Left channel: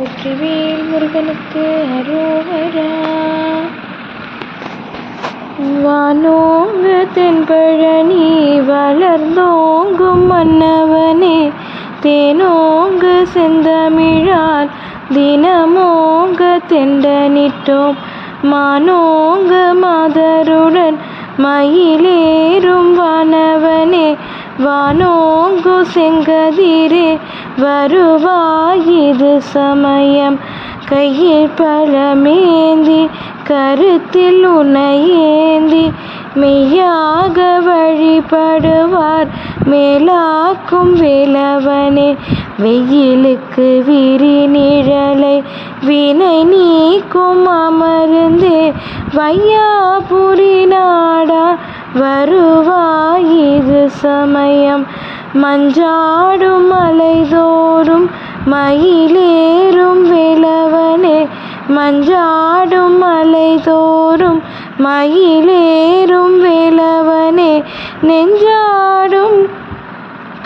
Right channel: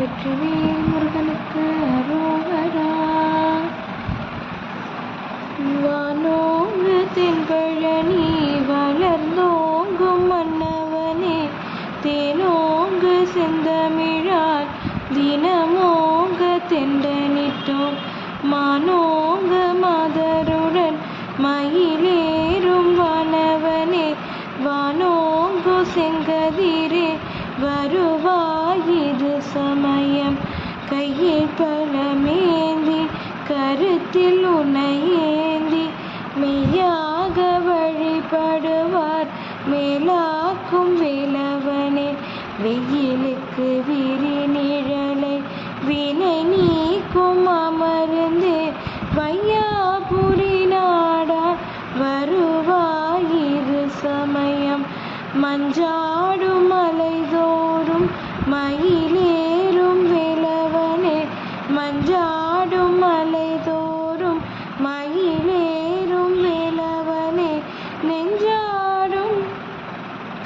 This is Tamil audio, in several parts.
வெற்றிவேல் முருகனுக்கு அரோகரா. வானோங்கு தென்பழனி வளர்ந்தோங்கும் மன்னவனே தேனோங்கு செந்தமிழால் தினமோங்க தெண்டனிட்டோம். மானோங்க மாதருடன் மயிலேறும் வானவனே வானோங்கு செங்கதிரே வருவ வருவாயிது சமயம். கையில் பழமேந்தி கருத்தில் உனையேந்தி மெய்யாக வழிபடுவார் மேலாக்கும் விலவனே. வெயிலுக்கு விரி நிழலை வினை நீக்கும் அமர்ந்தே. வையாபுரி நாடா வருவாயிரு சமயம். மஞ்சாடும் மயிலேறும் விளவனே மஞ்சாடும் மலை தோறும் மயிலேறும் விளவனே நெஞ்சாடும்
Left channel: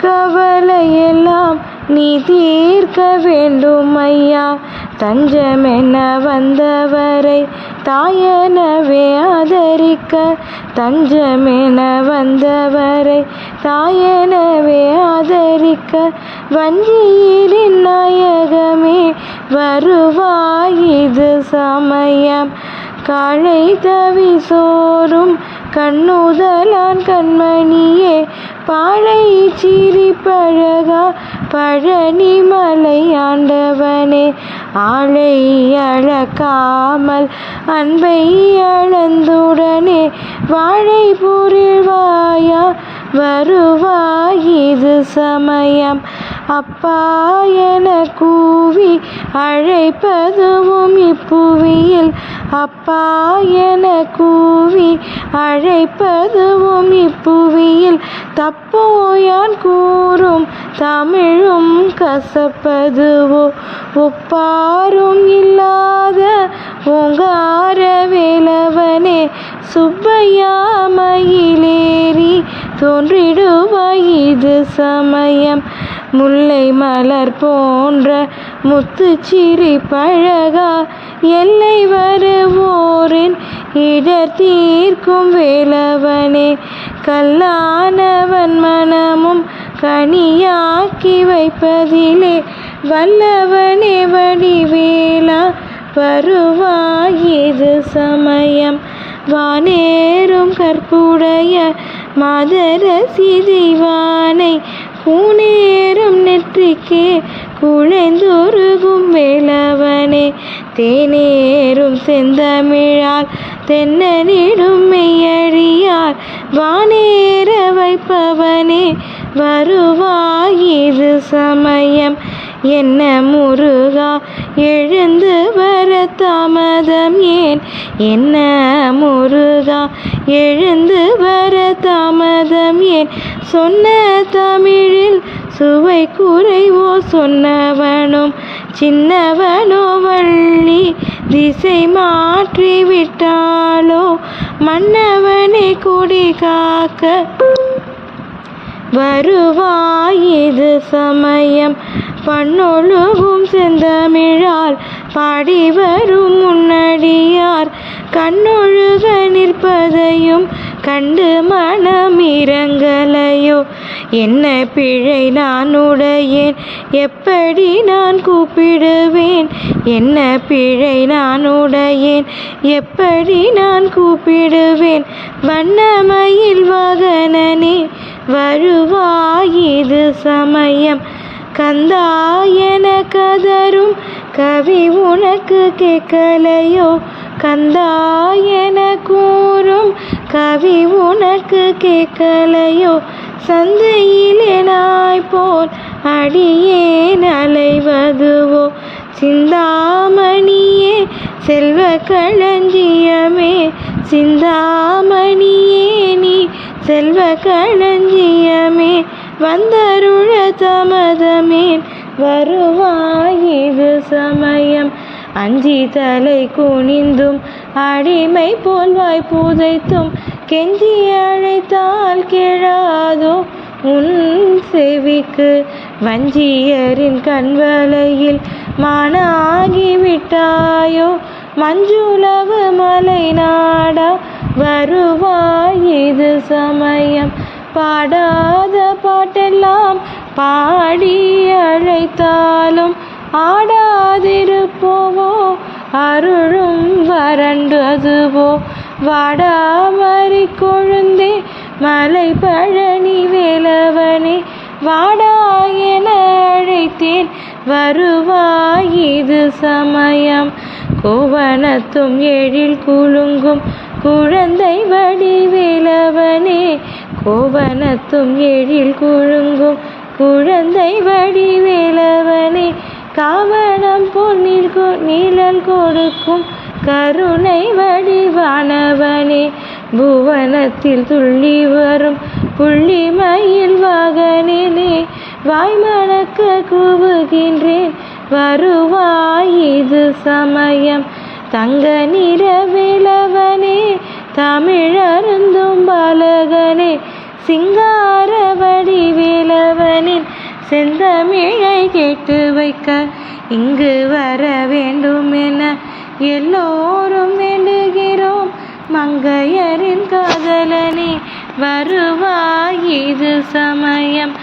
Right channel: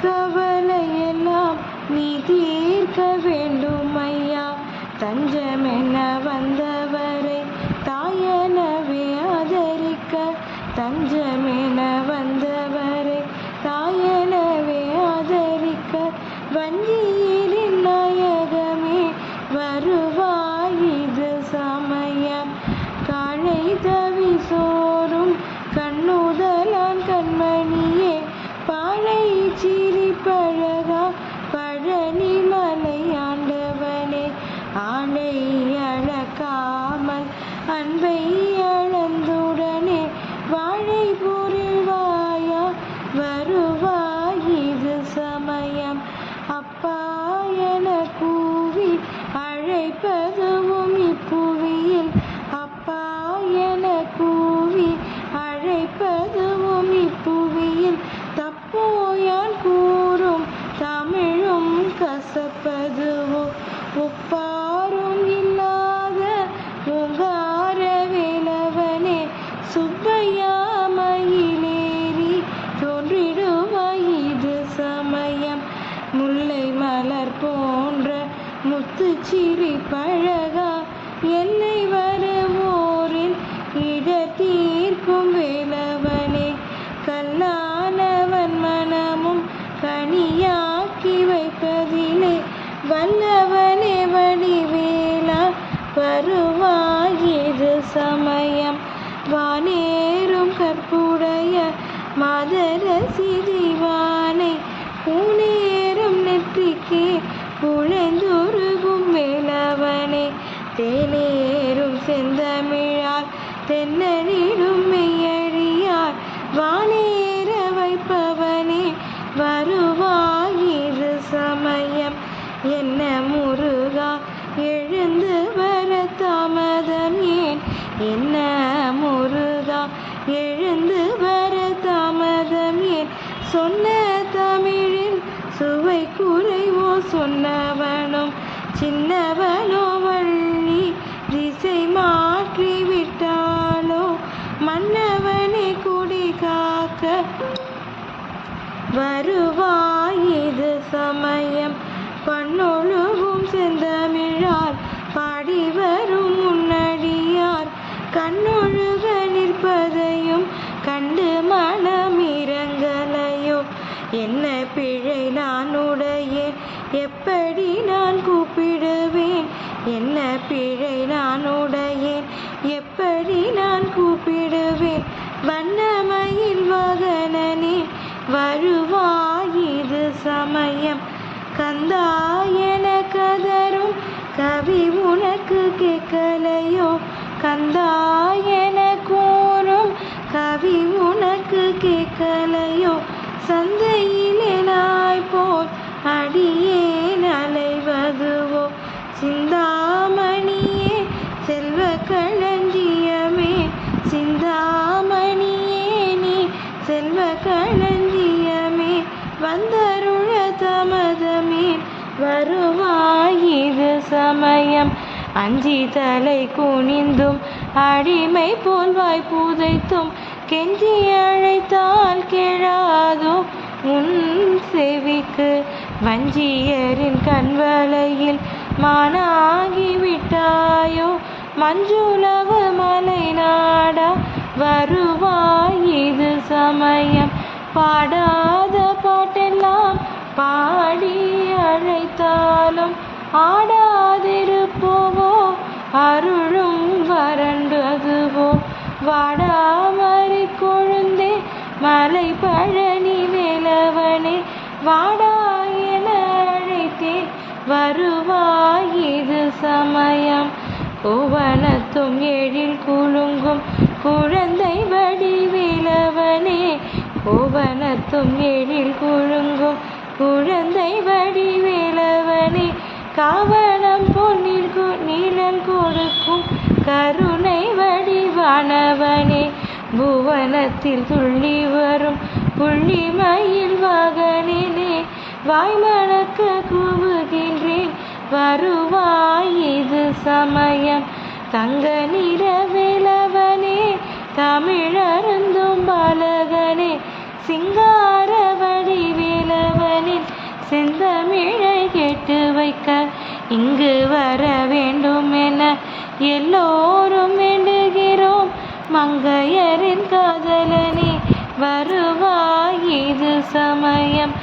கவலையெல்லாம் நீ தீர்க்க வேண்டும் ஐயா. தஞ்சமென வந்தவரை தாயனவே ஆதரிக்க தஞ்சமென வந்தவரை தாயனவே ஆதரிக்க வஞ்சியில் வருவாய் இது சமயம். காழை தவி சோறும் கண்ணுதலான் கண்மணியே. பாழை சிரி பழகா பழனி மலை ஆண்டவனே. ஆளை அழக்காமல் அன்பை அளந்துடனே. வாழை பொருள்வாயா வருவாய் இது சமயம். அப்பா என கூவி அழைப்பதுவும் இப்புவியில். அப்பா என கூவி அழைப்பதுவும் இப்புவியில். தப்போயான் கூறும் தமிழும் கசப்பதுவோ? ஒப்பாரும் இல்லாத ஓங்கார வேலவனே சுப்பையாமையிலேறி தோன்றிடுவாய் இது சமயம். முல்லை மலர் போன்ற முத்து சிறி பழகா. எல்லை வருவோரின் இடர் தீர்க்கும் வேலவனே கல்லானவன் மனமும் கனியாக்கி வைப்பதிலே வல்லவனே வடிவேலா வருவாயது சமயம். வானேறும் கற்புடைய மாதரசி தெய்வானை பூனேறும் நெற்றிக்கே குழைந்துருகும் வேலவனே தேனேறும் செந்தமிழால் தென்னனிடும் மெய்யழியார் வானேற வைப்பவனே. வருவாயிது சமயம் என்ன முருகா? எழுந்து வர தாமதம் ஏன்? என்ன முருகா? எழுந்து வர தாமதம் ஏன்? சொன்ன தமிழில் சுவை குறைவோ சொன்னவனும் சின்னவனோ வள்ளி திசை மாற்றி விட்டாலோ மன்னவனை குடி காக்க வருவாயிது சமயம். பண்ணொழுகும் செந்தமிழால் பாடி வரும் முன்னடியார். கண்ணொழுக நிற்பதையும் கண்டு மனம் இறங்கலையோ என்ன பிழை நான் உடையேன்? எப்படி நான் கூப்பிடுவேன்? என்ன பிழை நான் உடையேன்? எப்படி நான் கூப்பிடுவேன்? வண்ணமயில் வாகனனே வருவாயிது சமயம். கந்தா என கதரும் கவி உனக்கு கேட்கலையோ? கந்தா என கூறும் கவி உனக்கு கேட்கலையோ? சந்தையிலே நாய் போல் அடியேன் அலைவதுவோ சிந்தாமணியே செல்வ களஞ்சியமே. சிந்தாமணியே நீ செல்வ களஞ்சியமே. வந்தருள தமதமேன் வருவாயிது சமயம். அஞ்சி தலை குனிந்தும் அடிமை போல்வாய் புதைத்தும் கெஞ்சி அழைத்தால் கேளாதோ உன் செவிக்கு வஞ்சியரின் கண்வலையில் மானாகி விட்டாயோ மஞ்சுளவு மலை நாடா வருவாய் இது சமயம். பாடாத பாட்டெல்லாம் பாடி அழைத்தாலும் ஆடாதிருப்போவோ? அருளும் வறண்டதுவோ? வாடாமறி வாடா என அழைத்தேன். வருவாய் இது சமயம். கோவணத்தும் எழில் குலுங்கும். குழந்தை வடிவேலவனே கோவணத்தும் எழில் குலுங்கும். குழந்தை வடிவேலவனே காவணம் பொன்னில் கொ- நிழல் கொடுக்கும். கருணை வடிவானவன். புவனத்தில் துள்ளி வரும் புள்ளிமயில் வாகனிலே வாய்மணக்க கூவுகின்றேன். வருவாய் இது சமயம். தங்க நிறவிலவனே தமிழருந்தும் பாலகனே. சிங்கார வடிவிலவனின் செந்தமிழை கேட்டு வைக்க இங்கு வர வேண்டும் என எல்லோரும் வேண்டுகிறேன். மங்கையரின் காதலனே வருவாய் இது சமயம்.